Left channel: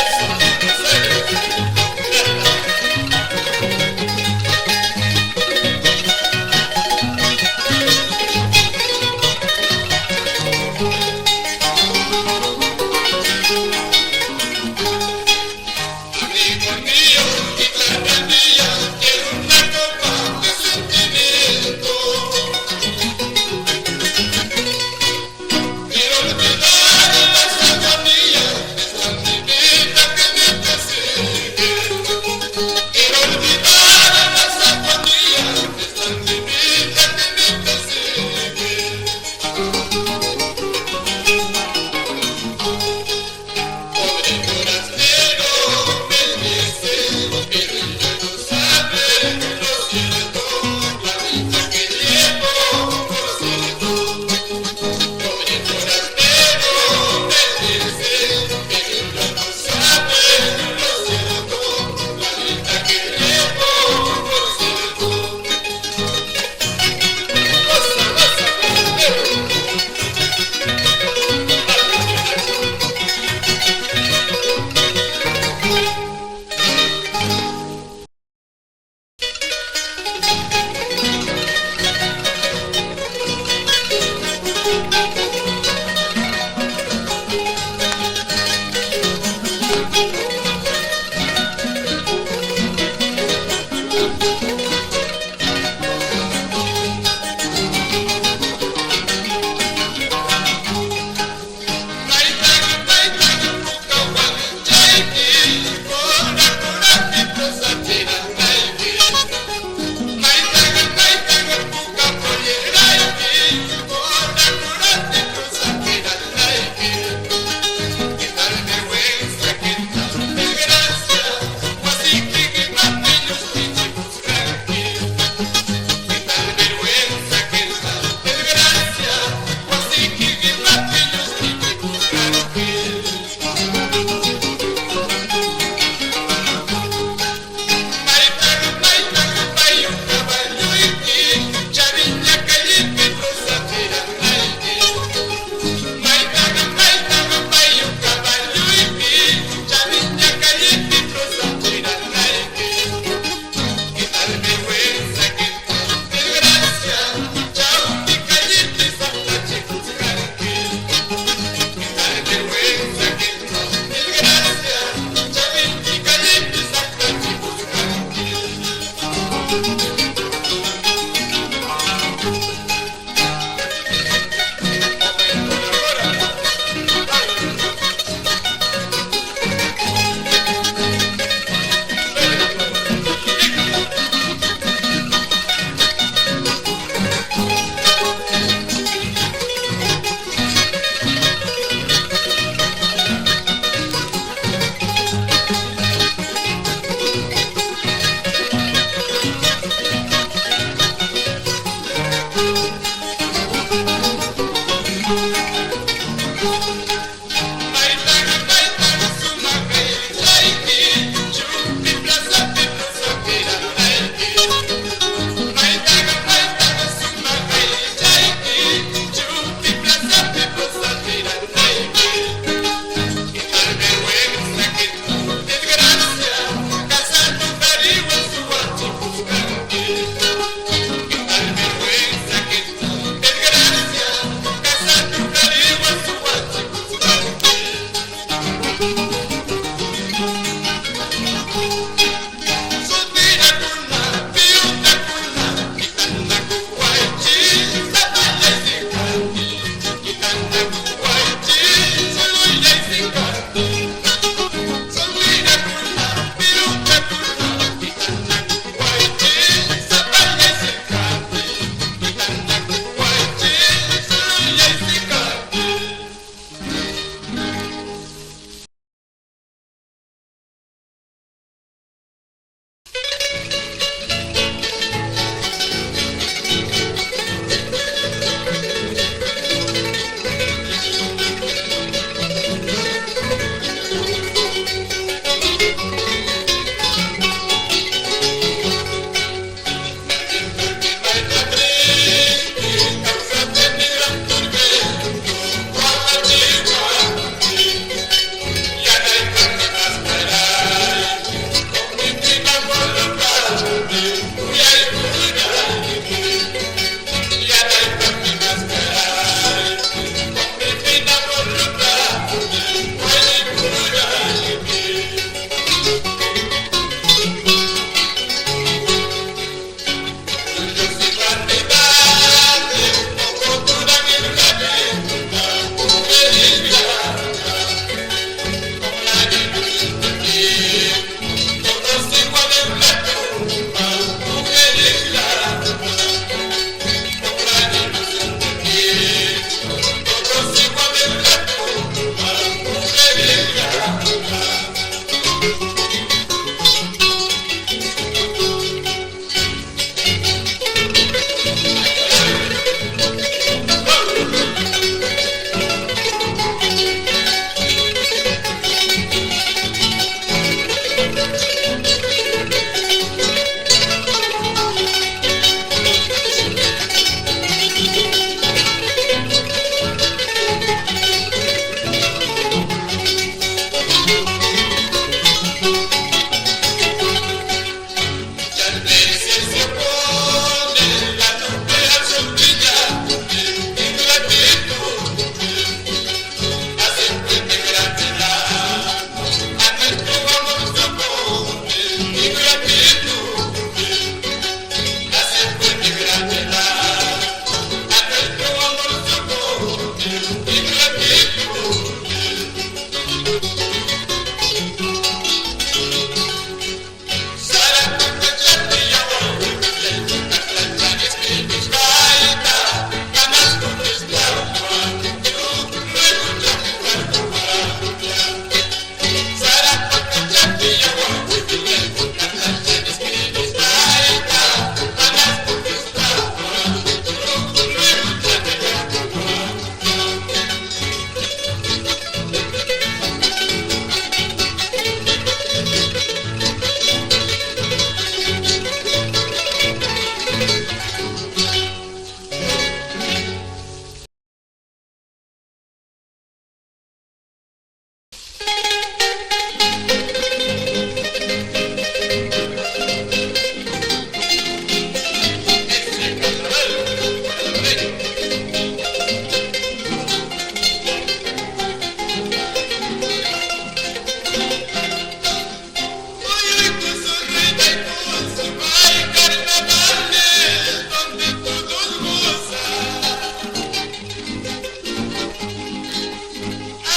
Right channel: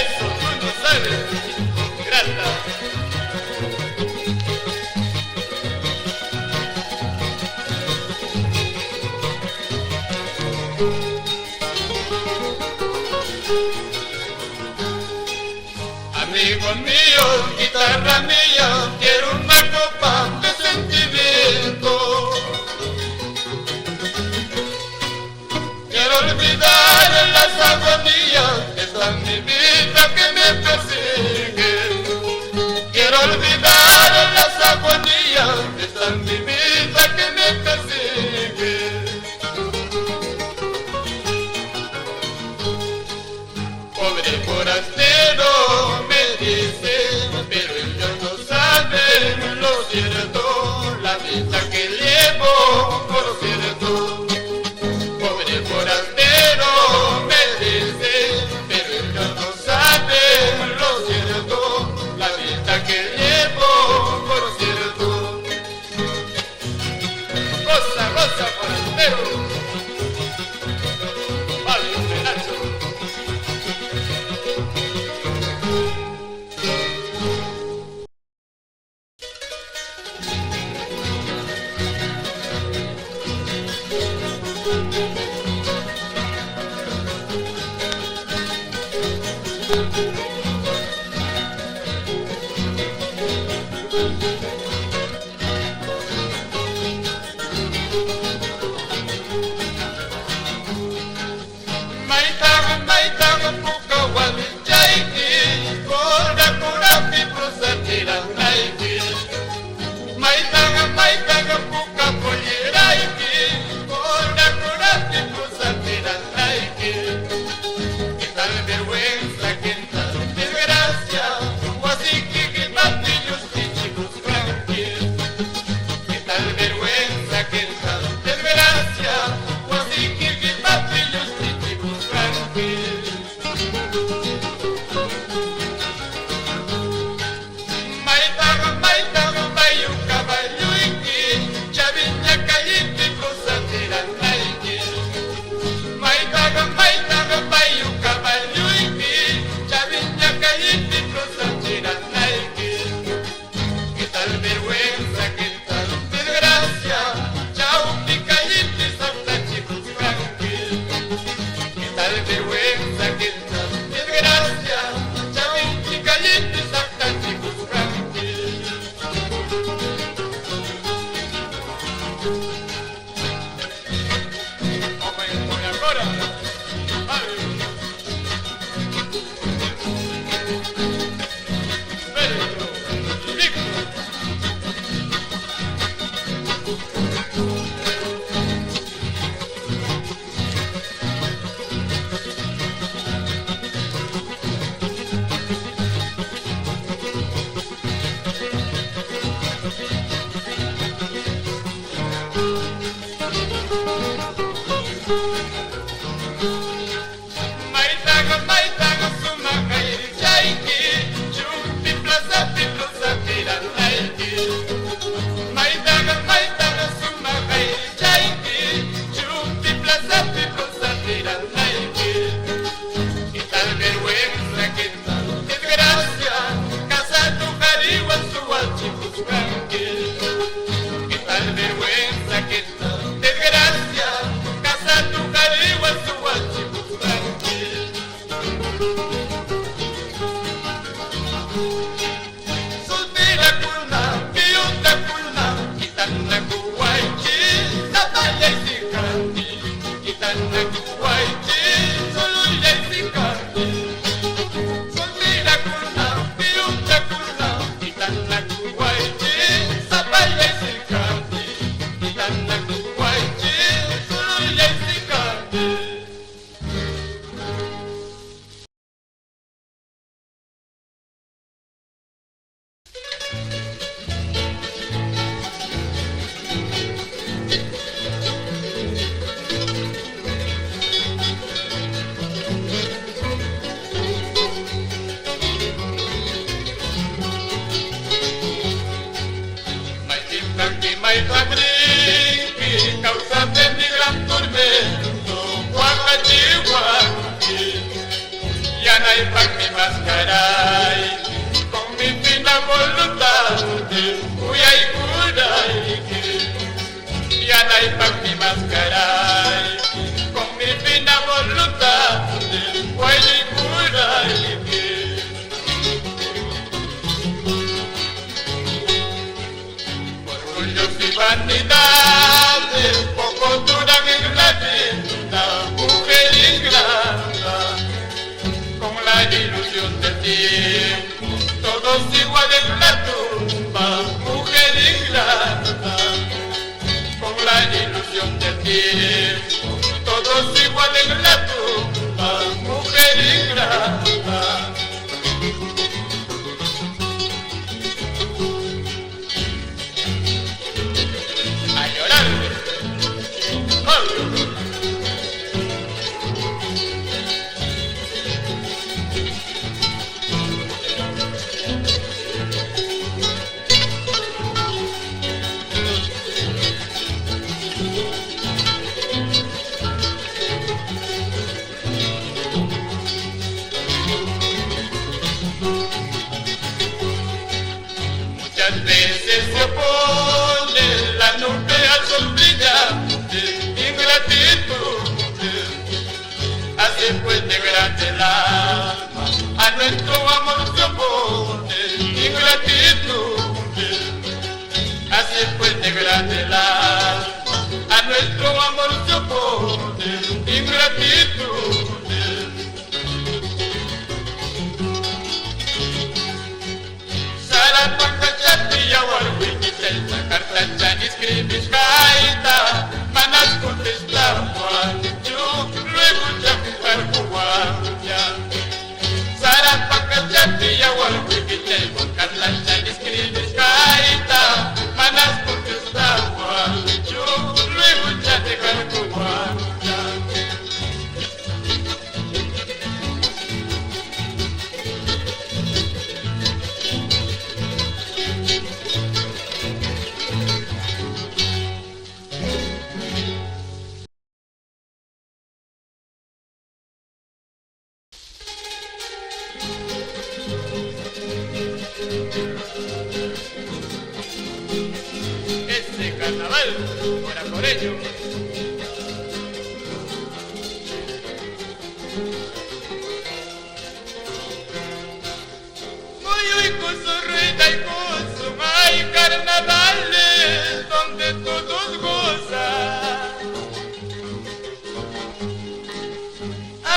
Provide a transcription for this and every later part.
Eso tú no sabes, grata. Amigo mío, guitarra mía, quiero una copa de sentimiento. Quiero olvidar las agonías de esta mi vida que me persigue. Quiero olvidar las agonías de esta mi vida que me persigue. Pobre forastero, me dice, pero ellos no saben lo cierto, la vida que llevo, por cierto. Pobre forastero, me dice, pero ellos no saben lo cierto, la vida que llevo, por cierto. Goza, goza, forastero. Pablo Renato. Maitanga puka walinjaiki, kora kora pipro satira naiki. Maitanga puka polleraiki, kora kora pipro satira naiki. Qué tal vergüenza, qué tal desgracia, guasiki que mapillos tichicos ranqui. Qué tal vergüenza, qué tal desgracia, guasiki que mapillos tichicos ranqui. Maitanga vai un caballo iki, chaviña calipi prosatera naiki. Maitanga vai un caballo iki, chaviña calipi prosatera naiki. Qué tal vergüenza, qué tal desgracia, chauti calipi santa chicos ranqui. Qué tal vergüenza, qué tal desgracia, chaviña calipi santa chicos ranqui. Como en Colarcora, vale. Berto, Victor.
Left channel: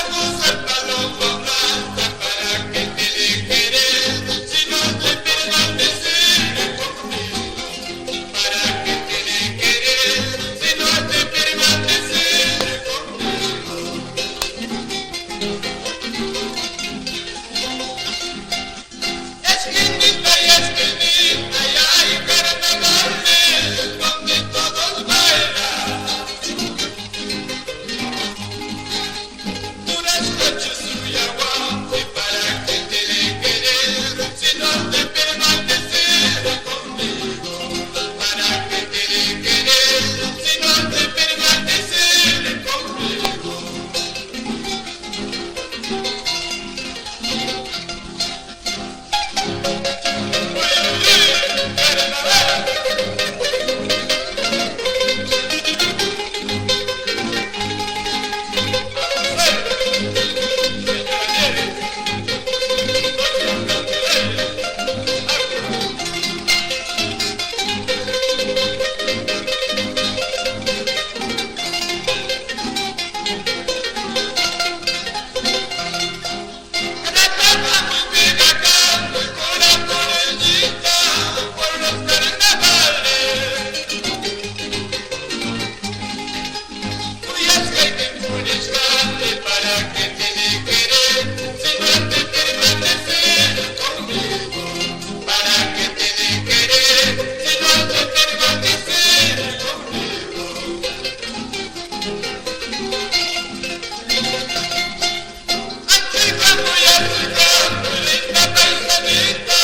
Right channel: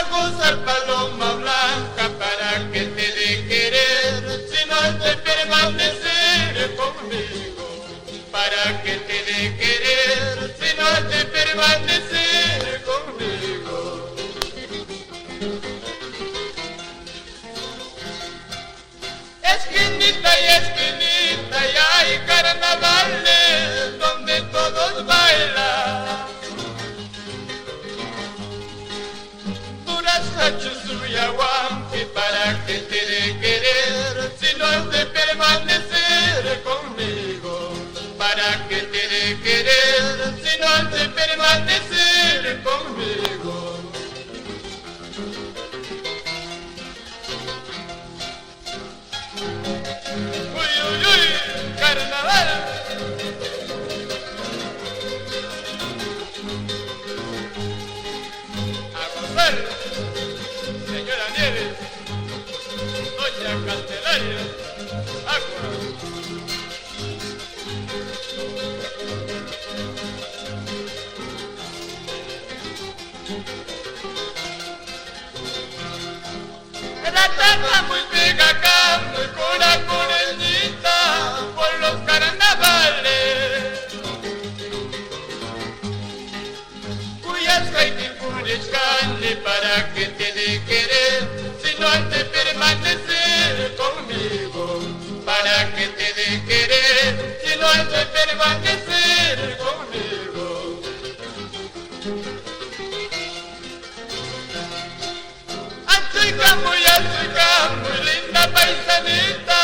gozar paloma blanca para que te dé querer, si no has de permanecer conmigo, para que te dé querer, si no has de permanecer conmigo. Esquinita y esquinita y hay carnavales donde todos bailan. Y para que te dé querer, si no has de permanecer conmigo, para que te dé querer, si no has de permanecer conmigo. Uy, uy, uy, carnaval. Para que te dé querer, si no has de permanecer conmigo, para que te dé querer, si no has de permanecer conmigo. Achicando y achicando, linda paisanita,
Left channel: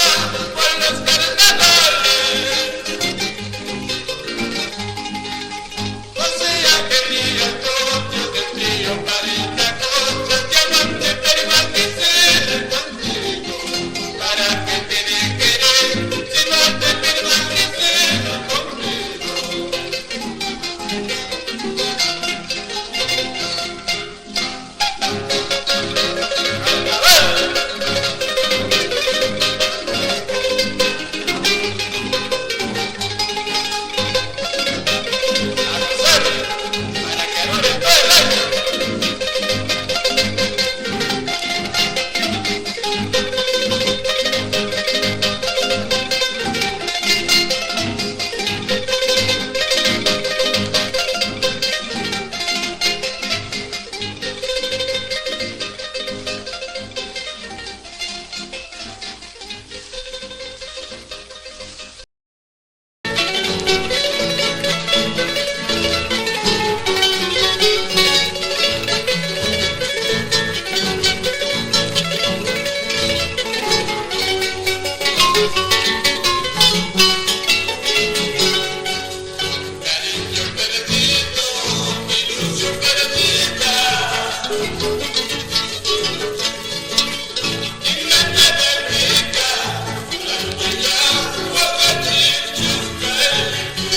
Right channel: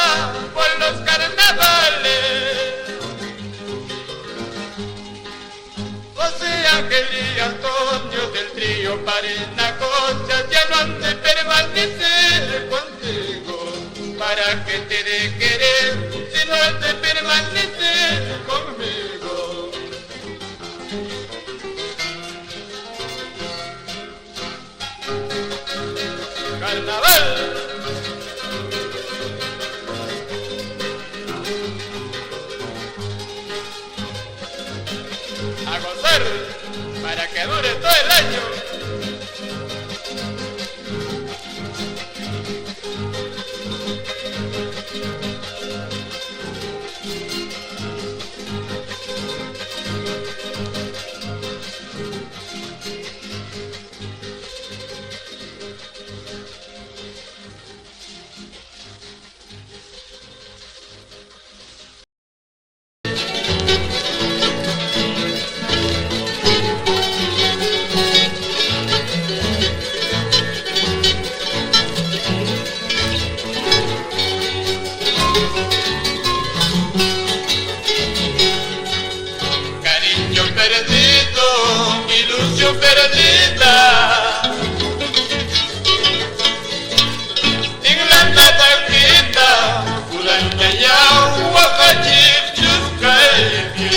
con los carnavales. José Ángel y Antonio del trío Parita Concha, diamante permanecer contigo, para que te dé querer, si no has de permanecer conmigo. Carnaval. A gozar, para que dure todo el año. Cariño perdido, ilusión perdida, en la nada queda, durante ya huacachir chuscaiki,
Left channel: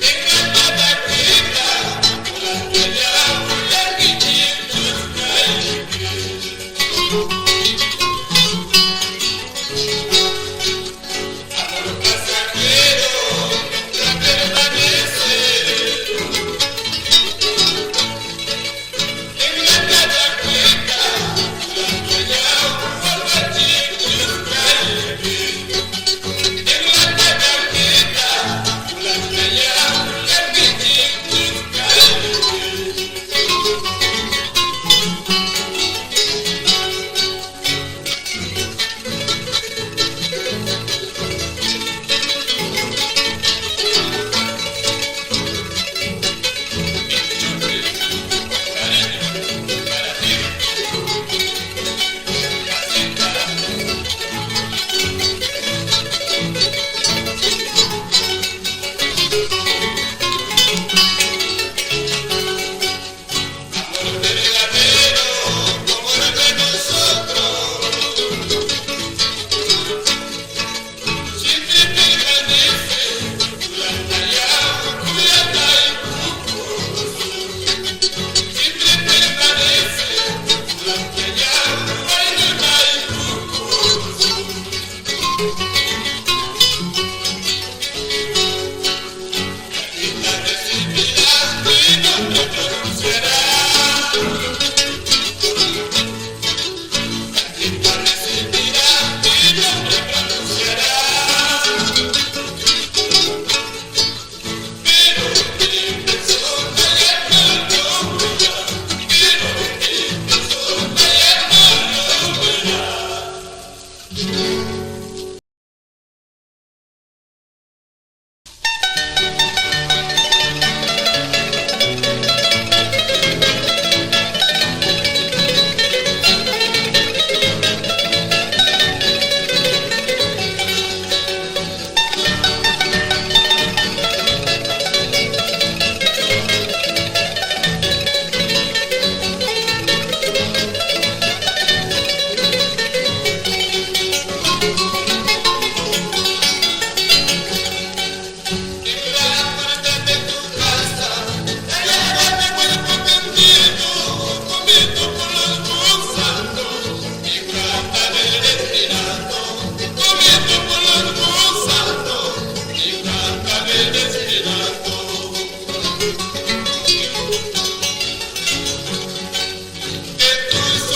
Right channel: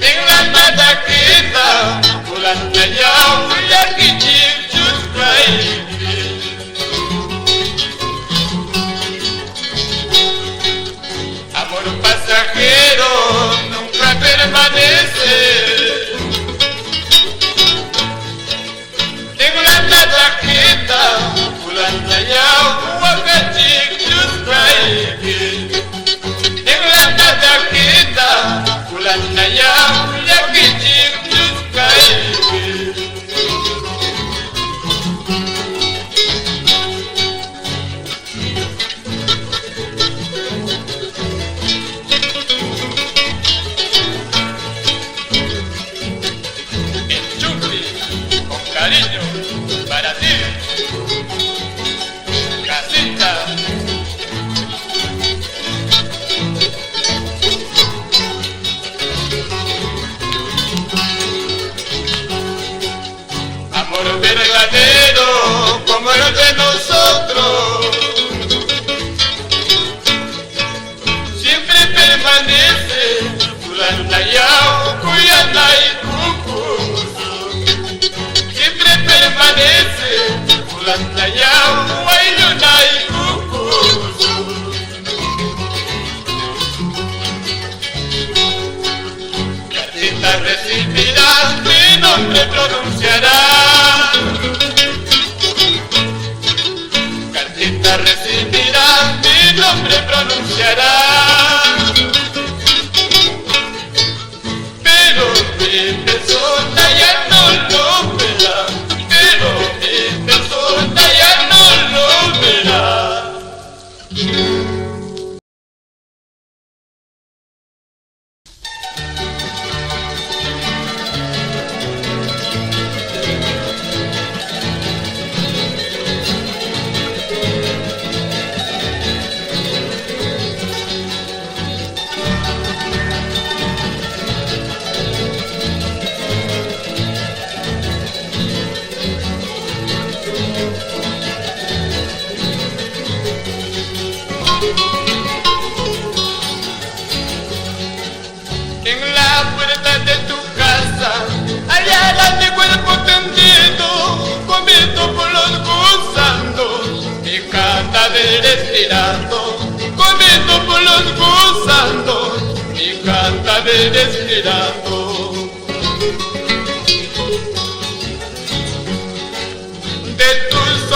en la nada queda, durante ya huacachir chuscaiki. Amor pasajero nunca permanece, en la nada queda, fulana ya huacachir chuscaiki, en la nada queda, fulana ya huacachir chuscaiki. Con cariño para ti, Jacinta. Amor verdadero como el de nosotros, siempre permanece durante ya Cuyana y Cucuzo, siempre permanece durante ya Guayuna y Cucuzo. Cartita recibirá, mi nombre pronunciará,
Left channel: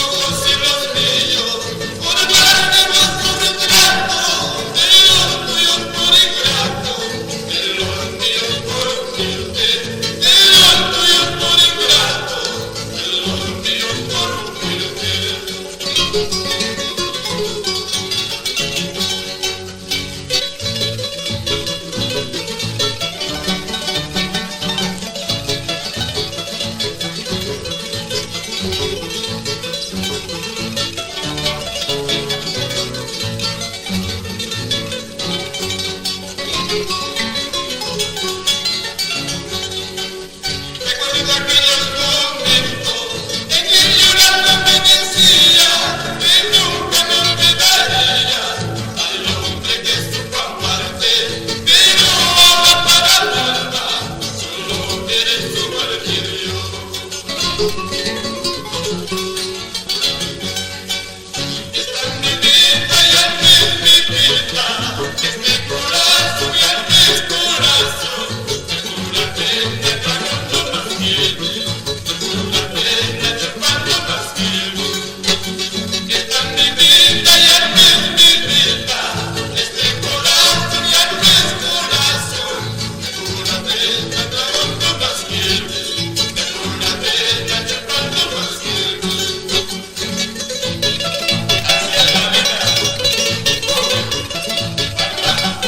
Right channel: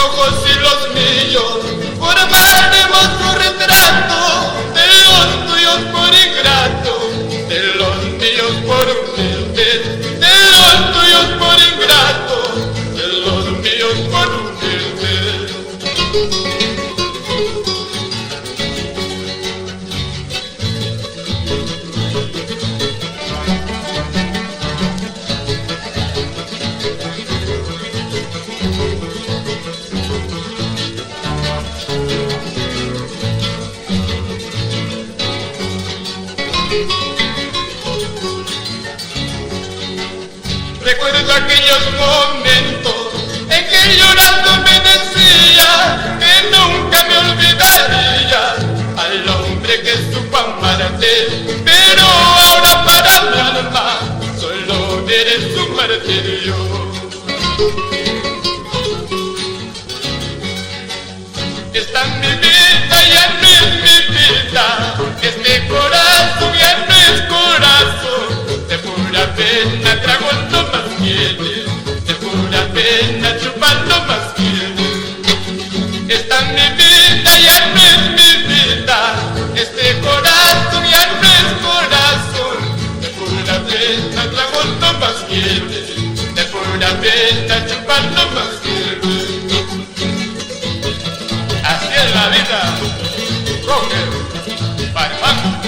ojos y los míos, formaremos un retrato de los tuyos por ingrato, de los míos por humilde, de los tuyos por ingrato, de los míos por humilde. Recuerdo aquellos momentos en que llorando me decía que nunca me olvidaría al hombre que supo amarte, pero ahora para mi alma solo eres un martirio. Esta mi vida ya no es mi vida, este corazón ya no es corazón. De pura pena trago lo más quiere, de pura pena chupando más quiere. Esta mi vida ya no es mi vida, este corazón ya no es corazón. De pura pena trago lo más quiere, de pura pena chupando más quiere. Así es la vida, Rocker, Baimán.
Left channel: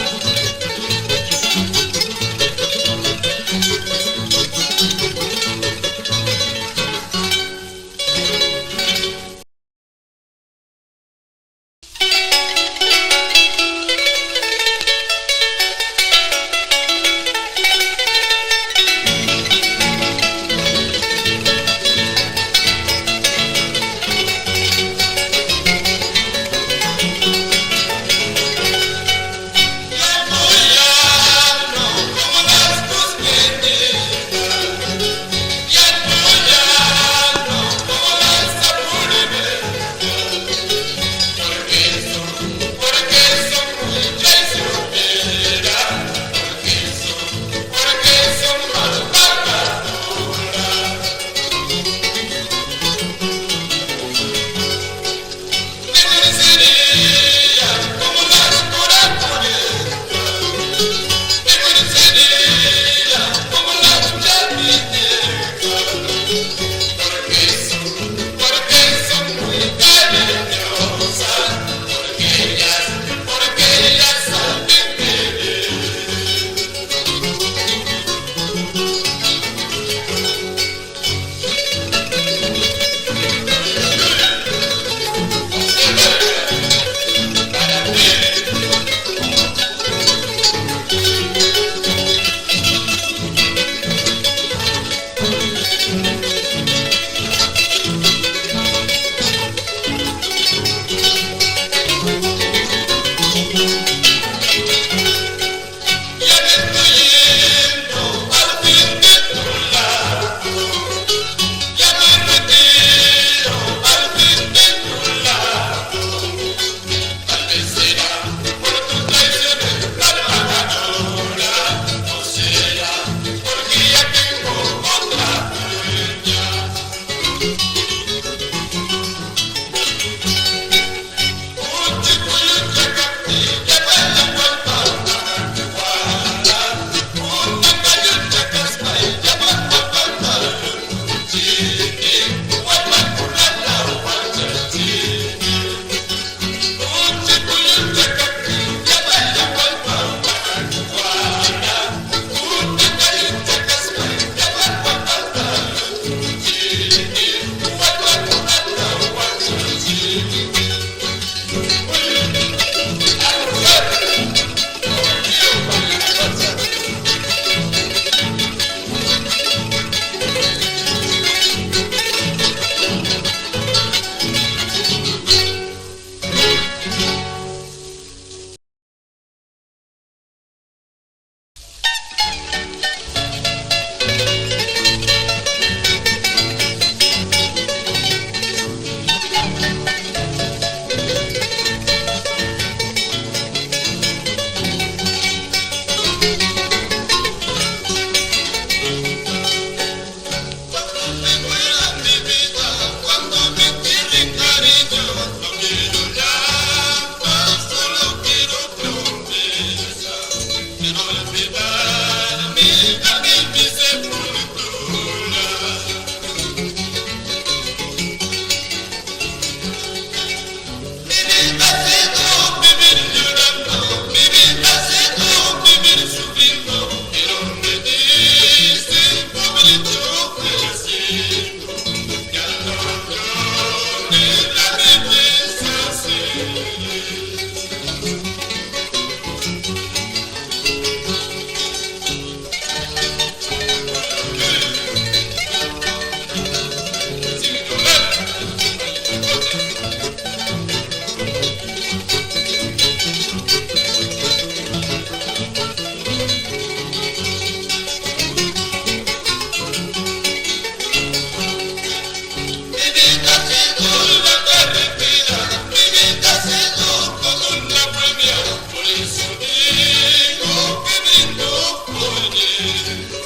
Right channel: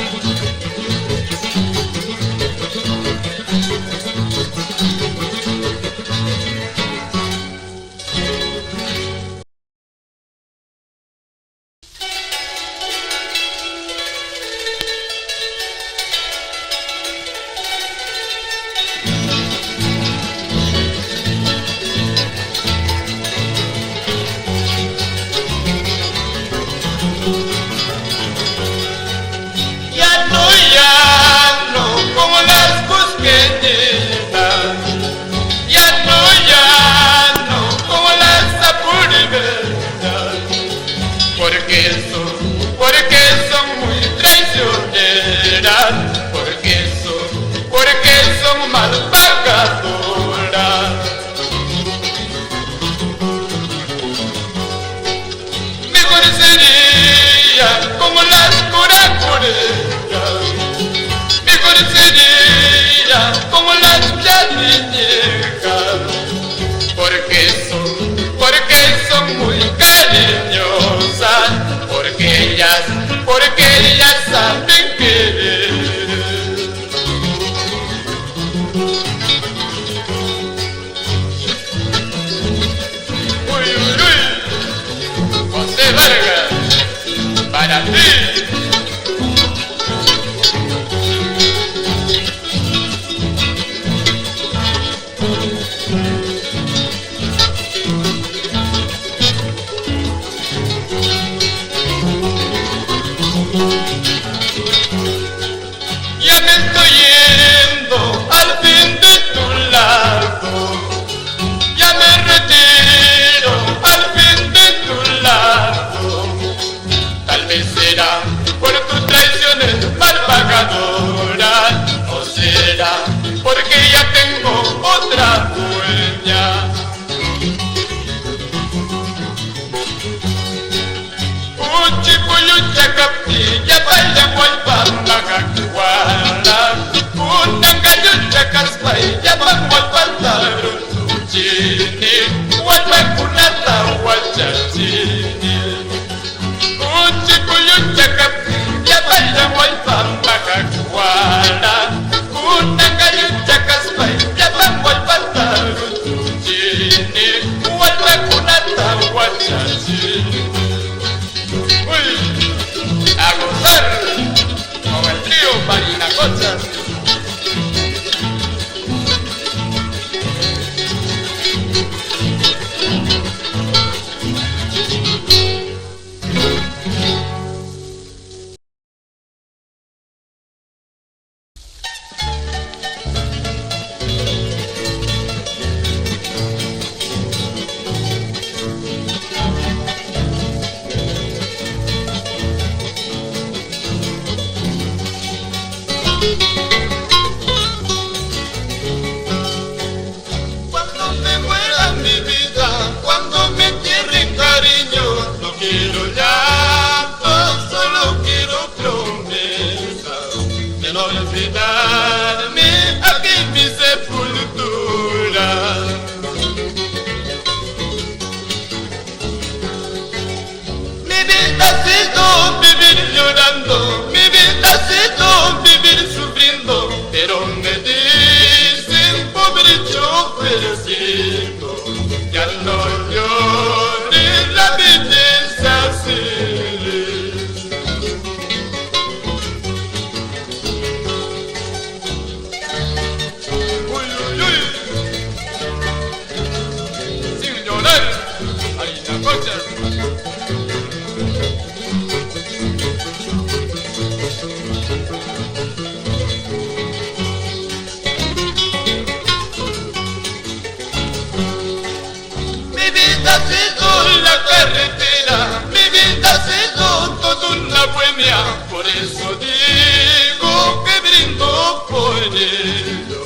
sido la carretera, mi vida ha sido toda una bohemia, por eso digo que brindo por ello.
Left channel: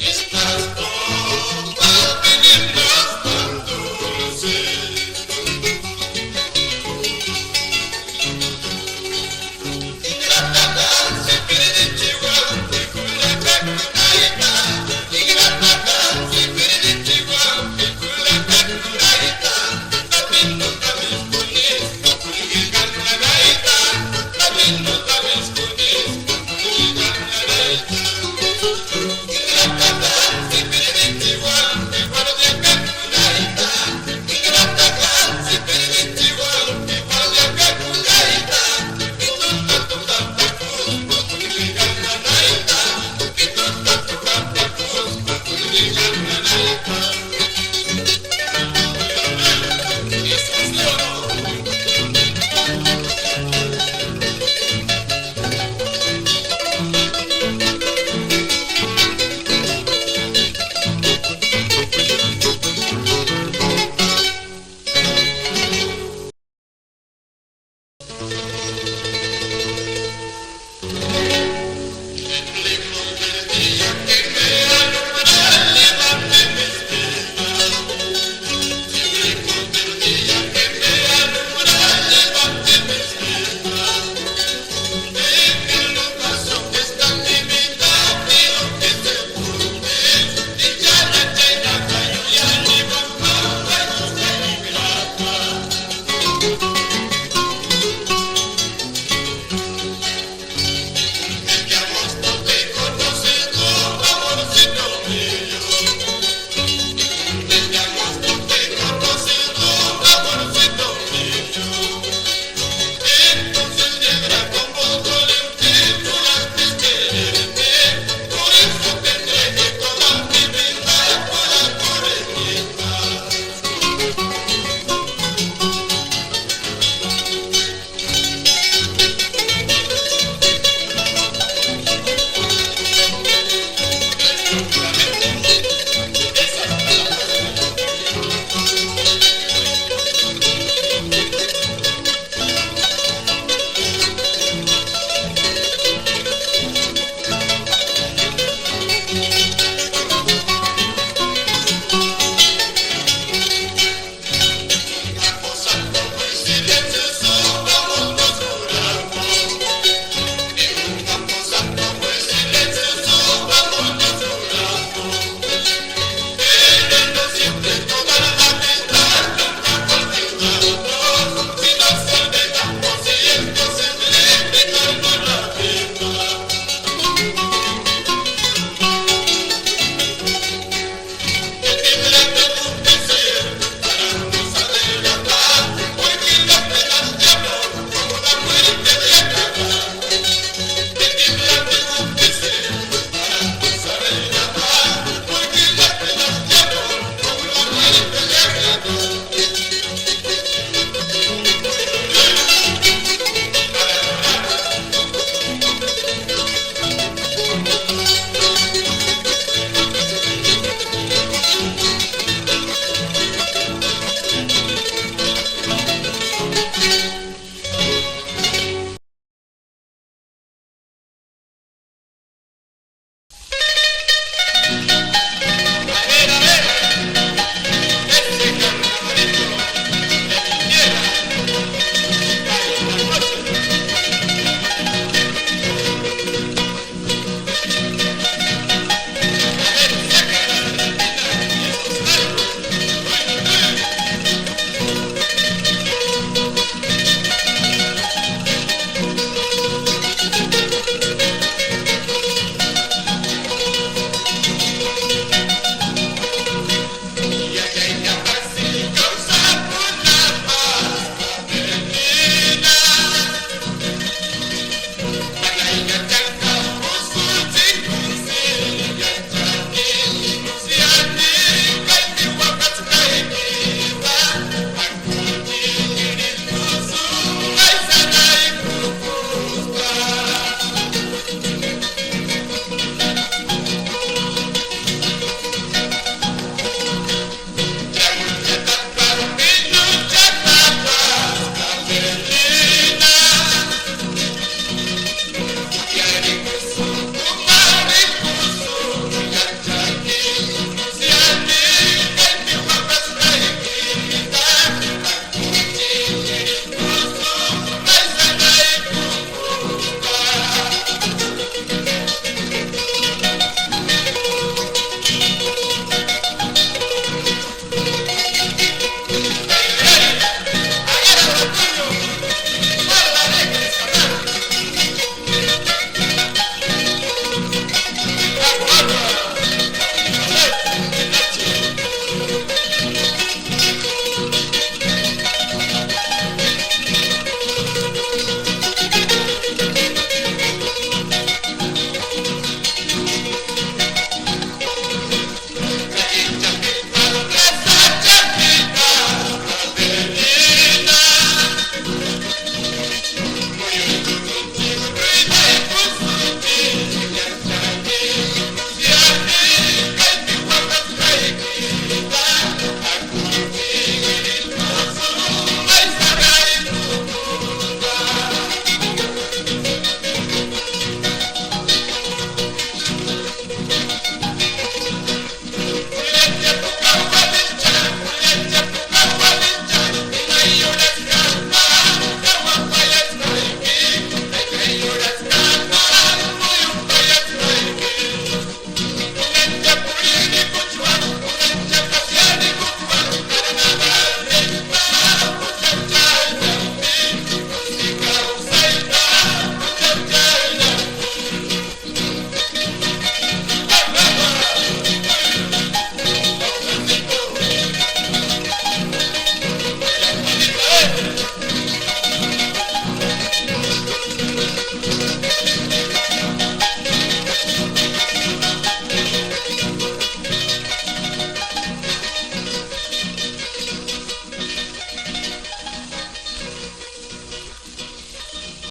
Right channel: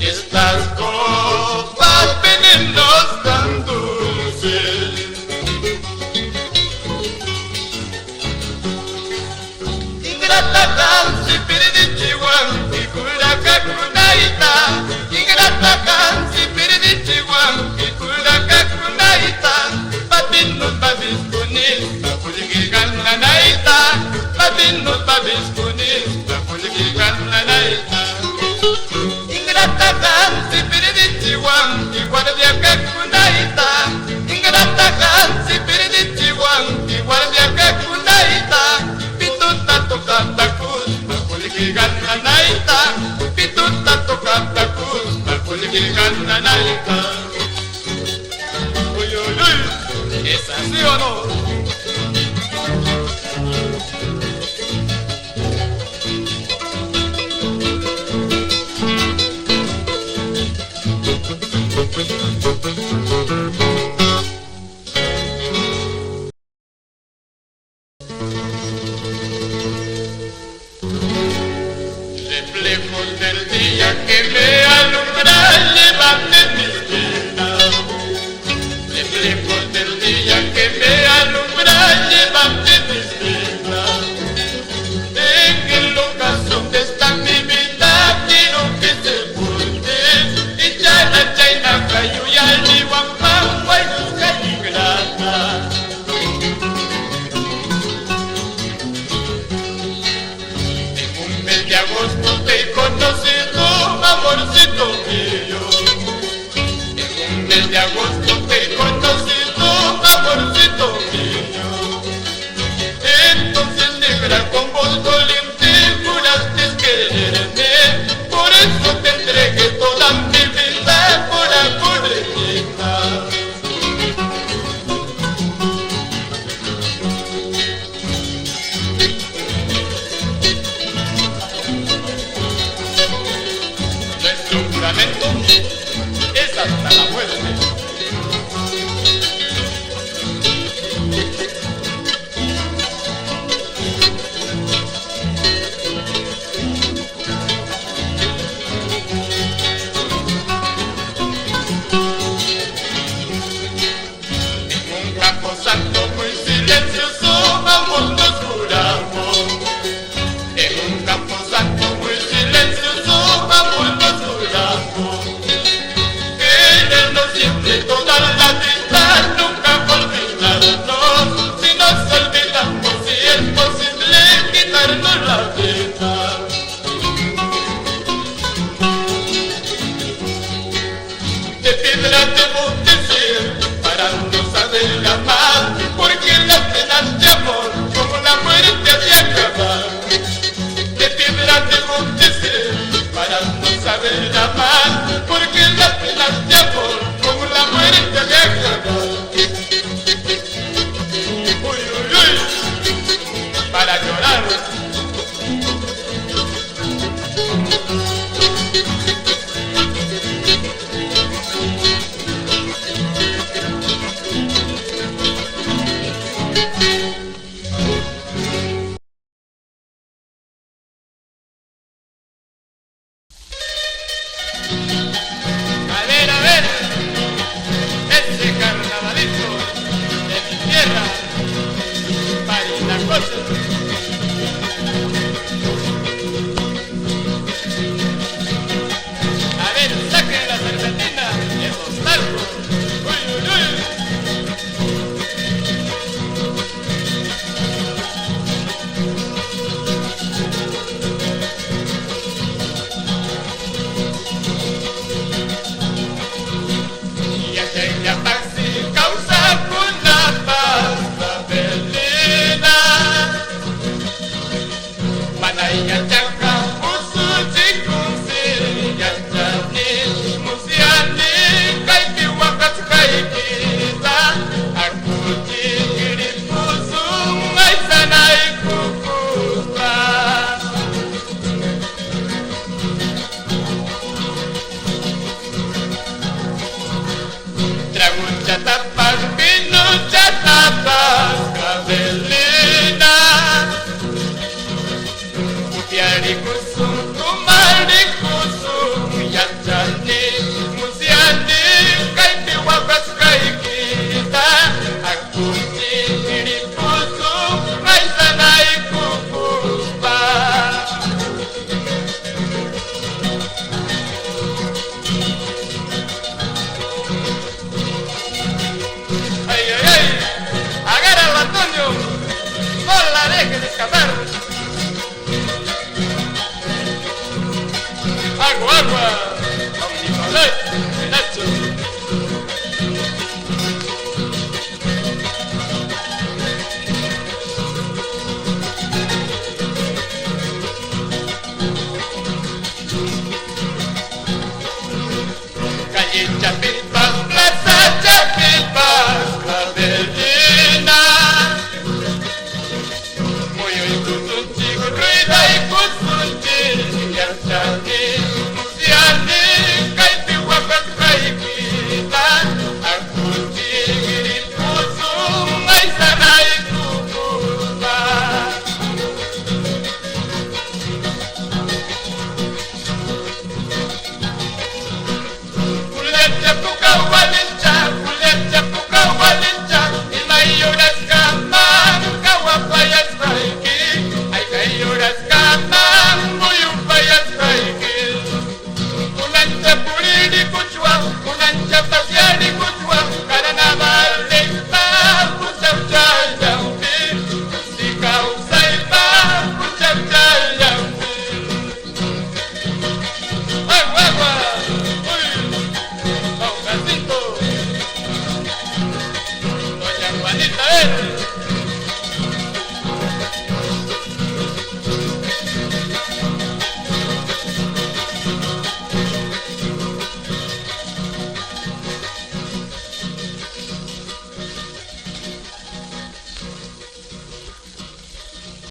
Estas copas venenos tan dulces. Ingrata Hansi Piridichiwan y Kurakakunaita. Ingrata Hansi Piridichiwan y Kurakakunaita. Babinus babis kunis, bakuligigan nanaita. Babinus babis kunis, bakuligigan nanaita. Ingrata Hansi Piridichiwan y guardia kakunaita. Ingrata Hansi Piridichiwan y guardia kakunaita. Pituta tokatakus, bakuligigan nanaita. Pituta tokatakus, bakuligigan nanaita. Uy, uy, uy, ¿es así o no? Reflejos del día que me alumbra llevan de mis penas. Reflejos del día que me alumbra llevan de mis penas. En el ocaso donde está mi vida quiero que se porte. Dicha la chaina cayo y al igual guayos que hay grata. De agosto te he conocido, amorcito mío. En un mes de agosto te he conocido, amorcito mío. Entonces negra con voz doliente juraste quererme. Por eso te entregué toda mi vida, coracoreñita. Es hasta la muerte. En un campo santo muy silencioso ambos nos juramos. En un campo santo muy silencioso ambos nos juramos. Querernos siempre toda la vida, nunca olvidarnos. Si nos olvidamos, si es posible quitarnos la vida. De piedra debo de ser para no saber amar, porque las penas de amor como la muerte ha de acabar. De piedra debo de ser para no saber amar, porque las penas de amor como la muerte ha de acabar. Uy, uy, uy, para llorar. A ver, este carnavalito de mi tierra, Parinacocho.